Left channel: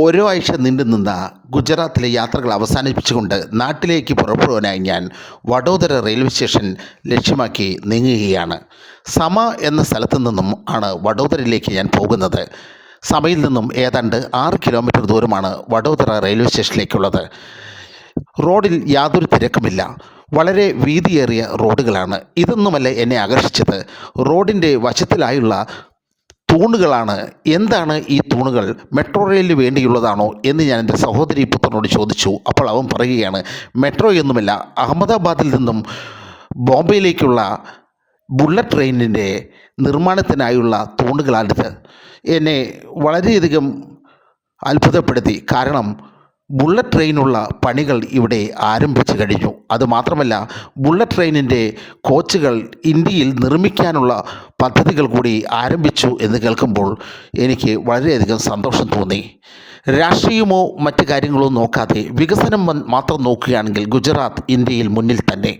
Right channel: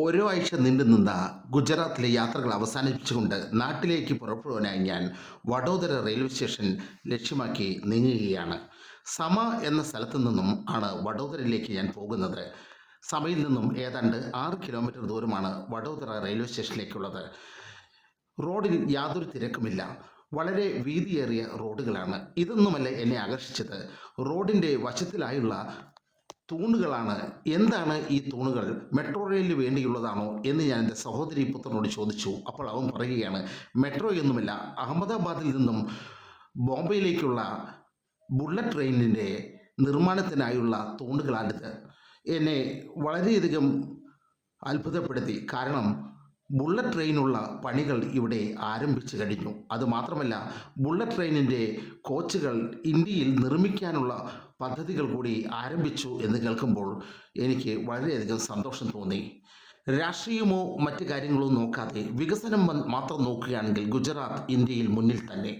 ഓരോ ആഴ്ച നീണ്ടുനിന്ന ഗുജറാത്തിലെ യാത്രകൾ അവസാനിപ്പിച്ചുകൊണ്ട് നാട്ടിലേക്ക് പുറപ്പെടുവാനായി ഞാൻ വഡോദര റെയിൽവേ സ്റ്റേഷൻ ലക്ഷ്യമാക്കി നീങ്ങുകയാണ്. സമ എന്ന സ്ഥലത്തു നിന്നും ആണ് വഡോദരയിലേക്ക് ഞാൻ പോകുന്നത്. സമയിൽ നിന്നും ഏതാണ്ട് 6 കിലോമീറ്റർ ദൂരമാണ് വഡോദര റെയിൽവേ സ്റ്റേഷനിലേക്കുള്ളത്. റോഡിൽ യാതൊരു തിരക്കുമില്ല. വളരെ വീതിയേറിയ റോഡുകളാണ്. ഇതൊന്നുമല്ല എന്നെ ആകർഷിച്ചത്. റോഡിൻ്റെ വശത്തിലായുള്ള തൂണുകളാണ്. എന്താണ് ഈ തൂണുകൾ? മെട്രോ റെയിലിന് വേണ്ടിയുള്ളതാണോ എന്ന് ഞാൻ എൻ്റെ സഹോദരി പുത്രനോട് ചോദിച്ചു. അപ്പോൾ അവൻ പറയുകയാണ്, മെട്രോ ഒന്നുമല്ല, അഹമ്മദാബാദിൽ നിന്നും ബോംബെയിലേക്കുള്ള ബുള്ളറ്റ് ട്രെയിനിൻ്റെ നിർമ്മാണത്തിനായുള്ള തൂണുകളാണിത്. എന്നെ വളരെയധികം അത്ഭുതപ്പെടുത്തി. കാരണം ബുള്ളറ്റ് ട്രെയിനുള്ള പണികൾ ഇവിടെ ആരംഭിച്ചു കഴിഞ്ഞു. അതുമാത്രമല്ല, ബുള്ളറ്റ് ട്രെയിനിൻ്റെ കോച്ചുകൾ ഇന്ത്യയിൽ നിർമ്മിക്കാനുള്ള പദ്ധതികൾ കൂടി ആരംഭിച്ചു എന്ന് കേൾക്കുമ്പോൾ എനിക്ക് വളരെയധികം സന്തോഷം തോന്നി. രാഷ്ട്രീയമോ മറ്റു കാര്യങ്ങളോ നോക്കാതെ വികസനം മാത്രം നോക്കുകയാണെങ്കിൽ ഗുജറാത്ത് ഇന്ത്യയിൽ മുന്നിൽ തന്നെ.